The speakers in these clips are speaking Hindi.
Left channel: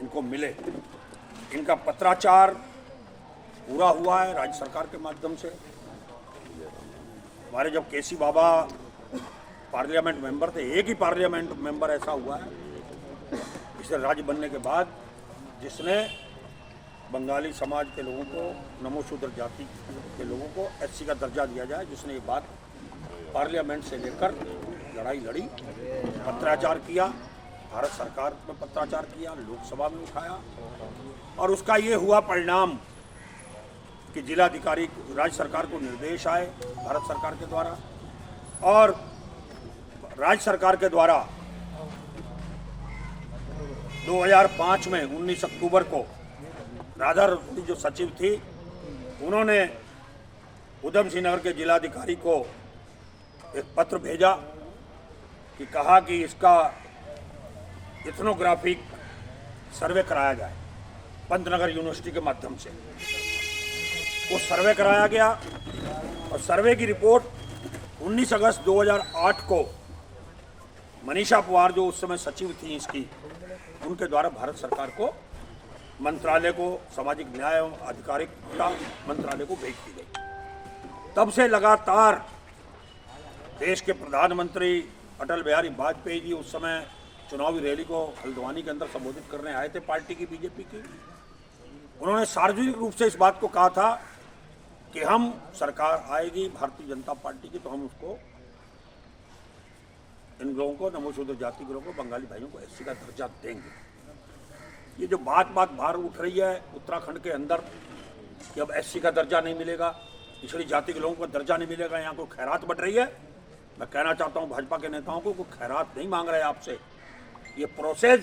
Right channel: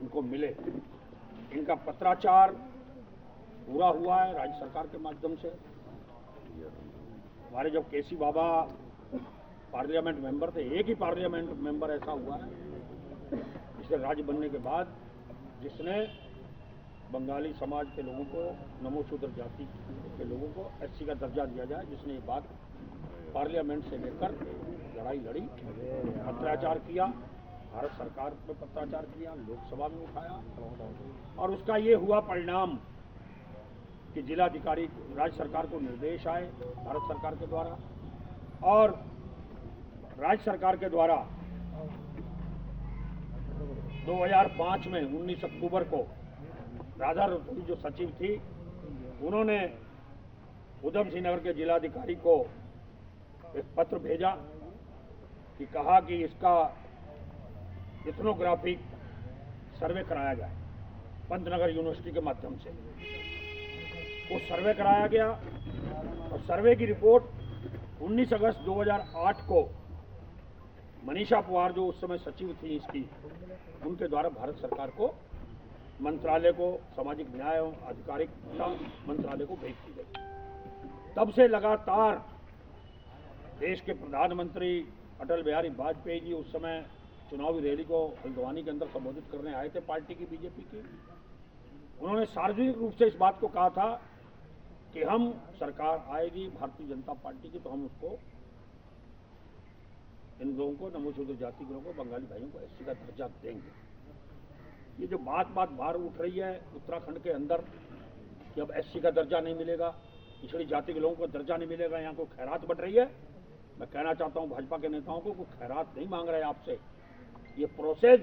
इनको मिले। इनका पत्राचार पूरा हुआ है राज्य सरकार के माध्यम से। हमारे जब केसी बाबा पार्लियामेंट मेंबर थे, एक ही पार्लियामेंट मेंबर ऐसा हुआ है इसे राज्य बनने के बाद जिसने बंगाली समाज के लोगों को, नमोशूद्र जाति के लोगों को एससी का दर्जा दिया जाए, जिसने ये बात पार्लियामेंट से लेकर लड़ाई लड़ी, पत्राचार किया, भारत सरकार में पत्राचार किया, लोकसभा में उठाया, और उसका ये हुआ परिणाम कि जिलाधिकारी राज्य सरकार को निर्देश आए भारत सरकार के द्वारा, और राज्य सरकार के द्वारा 2005 में 19 अक्टूबर को राधा रतूड़ी जो सचिव थी, उन्होंने उधम सिंह नगर के जिलाधिकारी को एक पत्र भेजा कि कहा कि इसका इथनोग्राफिक सर्वे कराया जाए पंतनगर यूनिवर्सिटी के माध्यम से। वो सर्वे कराया गया और सर्वे की रिपोर्ट 19 अगस्त 2008 को मनीषा पवार जो उस समय सचिव थी इसकी, उनके द्वारा भारत सरकार को, मंत्रालय को, सामाजिक न्याय एवं आधिकारिता मंत्रालय को भेज दी गई। तब से लगातार देश के प्रधानमंत्री अटल बिहारी वाजपेयी जी उस समय चुनावी रैली को हल्द्वानी के अंदर संबोधित करने आए थे पार्टी की, बीजेपी की। उन्होंने सार्वजनिक रूप से इस बात को कहा था कि हम सरकार आएगी भारतीय जनता पार्टी की तो हम उसको, इन लोगों को, नमोशूद्र जाति के लोगों को, बंगाली भाइयों को एससी का दर्जा देंगे। ये जो बात बाहर उठ रही है उत्तराखंड के अंदर कि अब एससी का दर्जा नहीं मिलेगा, पिछड़ी जाति के लोगों को दर्जा नहीं मिलेगा, यहाँ को खैरात बढ़ रही है। मैं कहना चाहता हूँ भाजपा के नेताओं को, कोई खैरात नहीं मांग रहे आपसे। ये प्रोसेस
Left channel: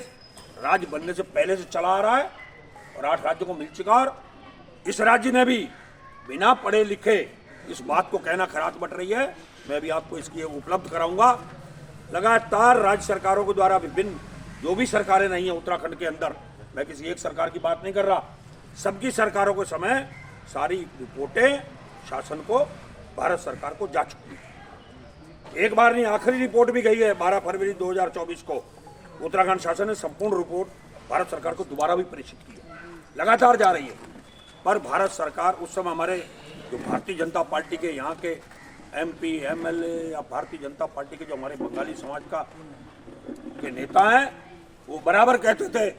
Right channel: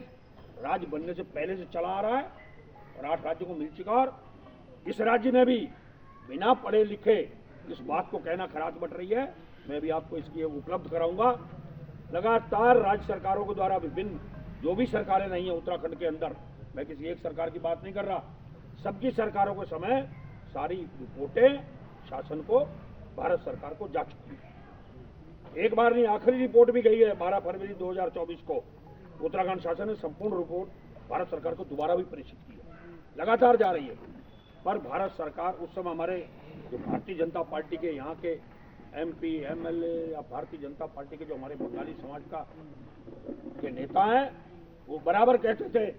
राज्य बनने से पहले से चला आ रहा है और 8 राज्यों को मिल चुका, और इस राज्य ने भी बिना पढ़े लिखे इस बात को कहना खैरात बट रही है। मैं भी आपको इसकी उपलब्ध कराऊंगा। लगातार राज्य सरकारों के द्वारा विभिन्न जो भी सरकारें नहीं है उत्तराखंड के अंदर, मैं किसी एक सरकार की बात नहीं कर रहा, सबकी सरकारों के समय सारी रिपोर्टें शासन को, भारत सरकार को जा चुकी है। एक बार नहीं, आखिरी रिपोर्ट भी गई है 12 फरवरी 2024 को। उत्तराखंड शासन ने संपूर्ण रिपोर्ट भारत सरकार को दोबारा भी प्रेषित की है, लगातार जा रही है। पर भारत सरकार उस समय हमारे जो भारतीय जनता पार्टी के यहाँ के एमपी, एमएलए या भारतीय जनता पार्टी के जो हमारे बंगाली समाज के नेता हैं, वो बराबर कहते थे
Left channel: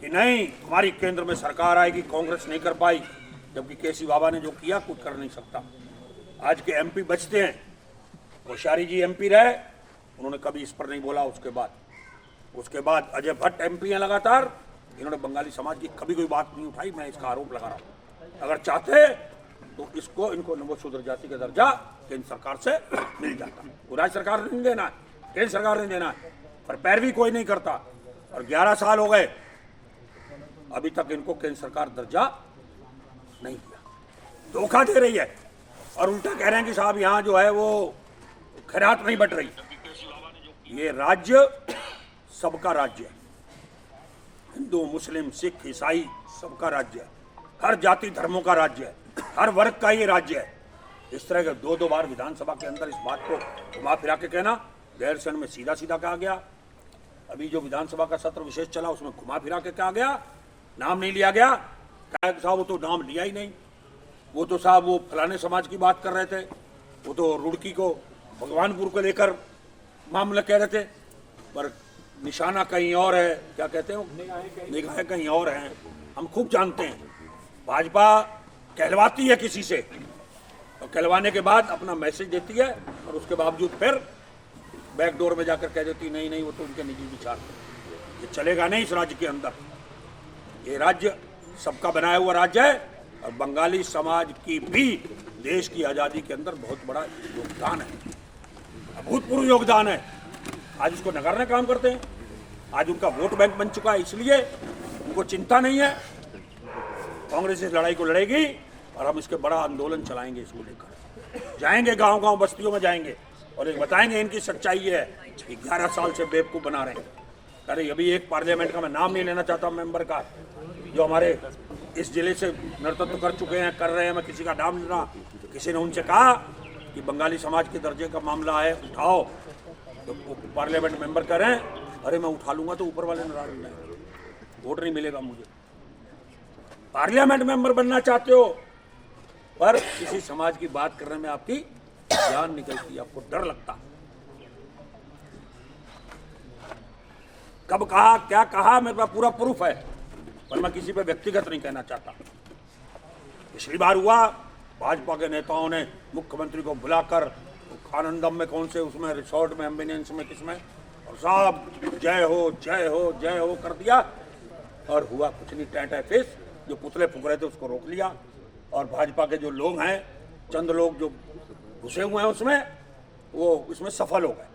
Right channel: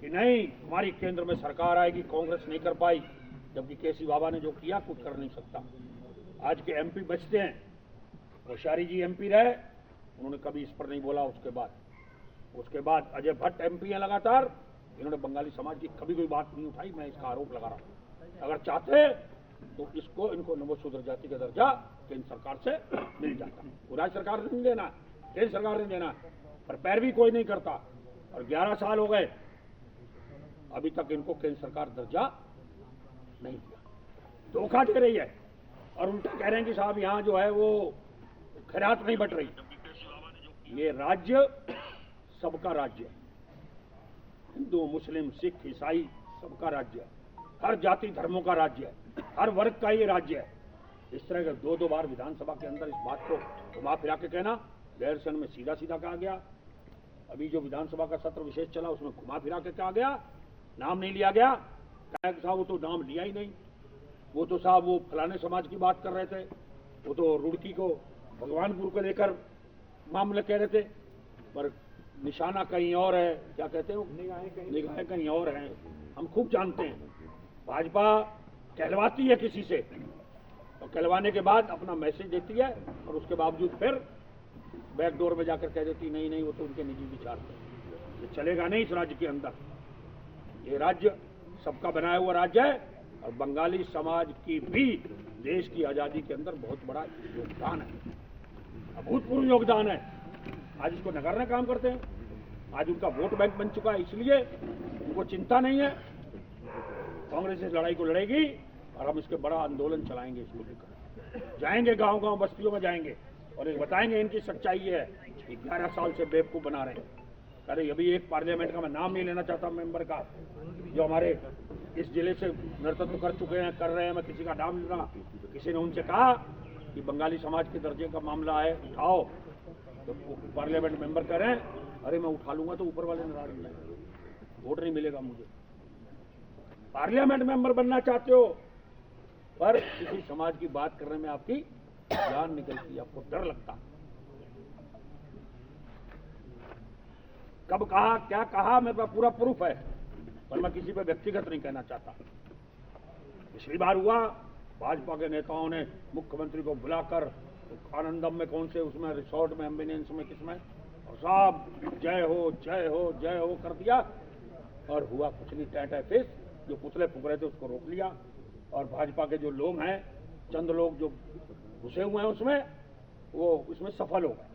कि नहीं हमारी केंद्र में सरकार आएगी, कांग्रेस नहीं कर पाई, जबकि केसी बाबा ने जो किया कुछ कर नहीं सकता। आज के एमपी बचते हैं, कोश्यारी जी एमपी रहे, उन्होंने कभी इस पर नहीं बोला। उसके बाद अजय भट्ट एमपी हैं लगातार, इन्होंने बंगाली समाज की कभी कोई बात नहीं उठाई। मैं इसका आरोप लगा रहा हूँ। अगर चाहते तो इनको नमोशूद्र जाति का दर्जा केंद्र सरकार से मिल जाता। वो राज्य सरकार ने नहीं देना है, केंद्र सरकार ने देना है, पर पैरवी कोई नहीं करता। और 11 साल हो गए, अभी तक इनको केंद्र सरकार दर्जा नहीं दिया, धोखा दे रही है। और उल्टा कह रहे हैं कि साहब यहाँ जो है वो खैरात नहीं बट रही। ये राज्य सबका राज्य है, हिंदू, मुस्लिम, सिख, ईसाई सबका राज्य है, हर जाति धर्मों का राज्य है, हर वर्ग का ये राज्य है। इस तरह के 2 बार विधानसभा के अंदर इस बात को घुमा फिरा के कहना, गैरसैंण में सीधा सीधा कहा गया। अभी जो विधानसभा का सत्र विशेष चला उसमें घुमा फिरा के कहा गया, नाम नहीं लिया गया। कहा साहब वो तो नाम लिया ही नहीं, वो तो साहब वो फलाने समाज की बात कर रहे थे, वो तो रुड़की को, भगवानपुर को लेकर मामला कह रहे थे, पर निशाना कहीं और है। क्या कहते हैं, निगाहें कहीं और हैं। हम खूब जानते हैं भाजपा कहलवाती है किसी से, और कहलवाने के बाद अपना मैसेज देती है, और उसके बावजूद फिर बैकडोर में जाकर कह देती नहीं नहीं वो तो उनके निजी विचार थे। ये चलेगा नहीं इस राज्य के अंदर। ये राज्य सबका बनाया हुआ राज्य है, और बंगाली समाज की भी देश की आज़ादी के अंदर बहुत बड़ा योगदान है, अभूतपूर्व योगदान है। आज इसको नकारने काम करते हैं। आज उनका वोट बैंक बन चुका है, इसलिए उनको चिंता नहीं है। कांग्रेस इस लड़ाई को लड़ेगी और हम इसके बड़ा आंदोलन चलाएंगे। इसको लेकर जाएंगे, गांव गांव बस्तियों में जाएंगे और एक बताएंगे इनकी सच्चाई है कि 11 साल से बेवकूफ़ बना रहे हैं। अरे अभी एक पार्लियामेंट का मैं नाम नहीं लेना चाहता मेंबर का, जो हमारे इस जिले से नेतृत्व कर चुके हैं, कर रहे हैं, मैं किसी का नाम लेना। किसी ने उनसे कहा कि बंगाली समाज के दर्जे का मामला है, उठाओ, तो पार्लियामेंट मेंबर करें। अरे मैं उठा लूंगा तो ऊपर वाले नाराज हो जाएंगे। वोट नहीं मिलेगा मुझे। पार्लियामेंट मेंबर बनना चाहते हो, पर किसी समाज की बात करने में आपकी जान निकलती, आपको डर लगता। कब कहा, क्या कहा, मेरे पास पूरा प्रूफ है, पर मैं किसी पे व्यक्तिगत नहीं कहना चाहता। पिछली बार हुआ, भाजपा के नेताओं ने मुख्यमंत्री को बुलाकर आनंदम में, कौन से उसमें रिसोर्ट में, एम्बिनेंस में, किसमें, और साहब जय हो जय हो जय हो कर दिया, और हुआ कुछ नहीं। टैंट फेस जो पुतले फूक रहे थे उसको रोक लिया, और भाजपा के जो लोग हैं, चंद लोग जो घुसे हुए हैं उसमें, वो इसमें सफल हो गए।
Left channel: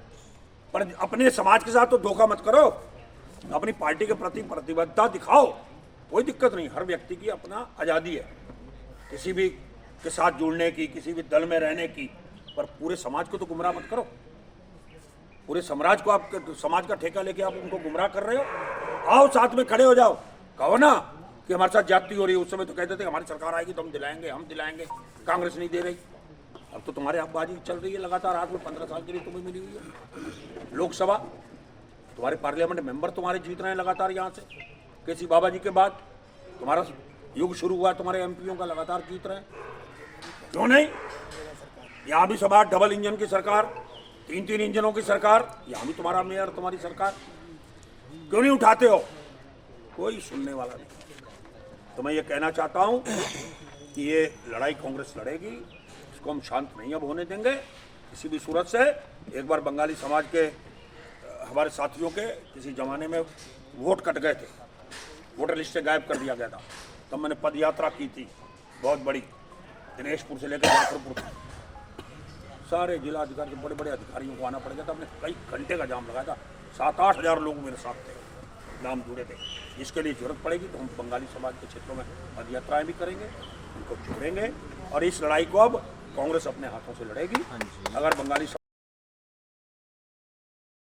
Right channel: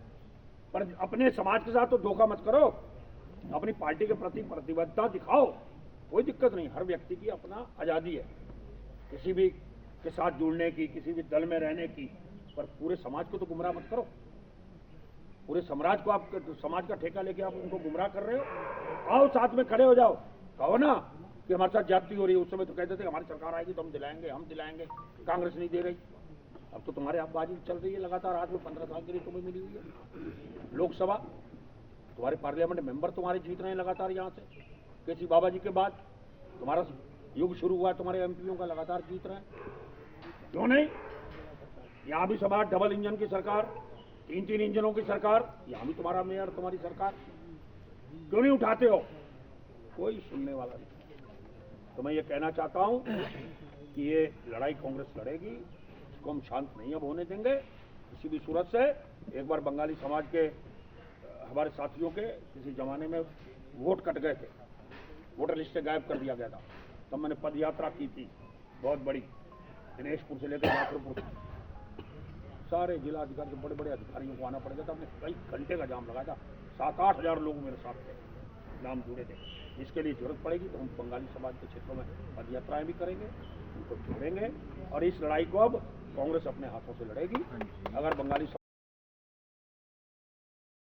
पर अपने समाज के साथ तो धोखा मत करो, अपनी पार्टी के प्रति प्रतिबद्धता दिखाओ, कोई दिक्कत नहीं। हर व्यक्ति की अपना आज़ादी है किसी भी के साथ जुड़ने की, किसी भी दल में रहने की, पर पूरे समाज को तो गुमराह मत करो। पूरे समाज को आप समाज का ठेका लेके आप उनको गुमराह कर रहे हो। आओ साथ में खड़े हो जाओ, कहो ना कि हमारे साथ जाति हो रही है। उस समय तो कहते थे हमारी सरकार आएगी तो हम दिलाएंगे, कांग्रेस नहीं दे रही। अब तो तुम्हारे आप बाजी चल रही है लगातार, हाथ में 15 साल के लिए तुम्हें मिली हुई है लोकसभा, तुम्हारे पार्लियामेंट मेंबर तुम्हारे जीत रहे हैं लगातार। यहाँ से केसी बाबा जी के बाद तुम्हारा युग शुरू हुआ, तुम्हारे एमपीओ का लगातार जीत रहे हैं, क्यों नहीं? यहाँ भी सभा डबल इंजन की सरकार, 3 इंजनों की सरकार, यहाँ भी तुम्हारा मेयर, तुम्हारी सरकार, क्यों नहीं उठाते हो? कोई सुनने वाला नहीं। तो मैं ये कहना चाहता हूँ कि ये लड़ाई कांग्रेस लड़ेगी, इसको हम शांत नहीं अब होने देंगे किसी भी सूरत से। एक बार बंगाली समाज के हमारे साथियों के किसी जमाने में वोट कट गए थे, वोटर लिस्ट से गायब कर दिया गया था, तब मैंने पद यात्रा की थी बहुत बड़ी, दिनेशपुर से लेकर जाफरपुर, सारे जिला अधिकारी, बड़े बड़े अधिकारियों को आना पड़ गया था। हमने कई घंटे का जाम लगाया था, 7-8 हज़ार लोग मेरे साथ थे, नाम जुड़े थे। इसके लिए जरूरत पड़ेगी तो हम बंगाली समाज के क्षेत्रों में पद यात्राएँ भी करेंगे, उनको जोड़ेंगे, और इस लड़ाई को अब कांग्रेस अपने हाथों से लड़ेगी। अगर बंगाली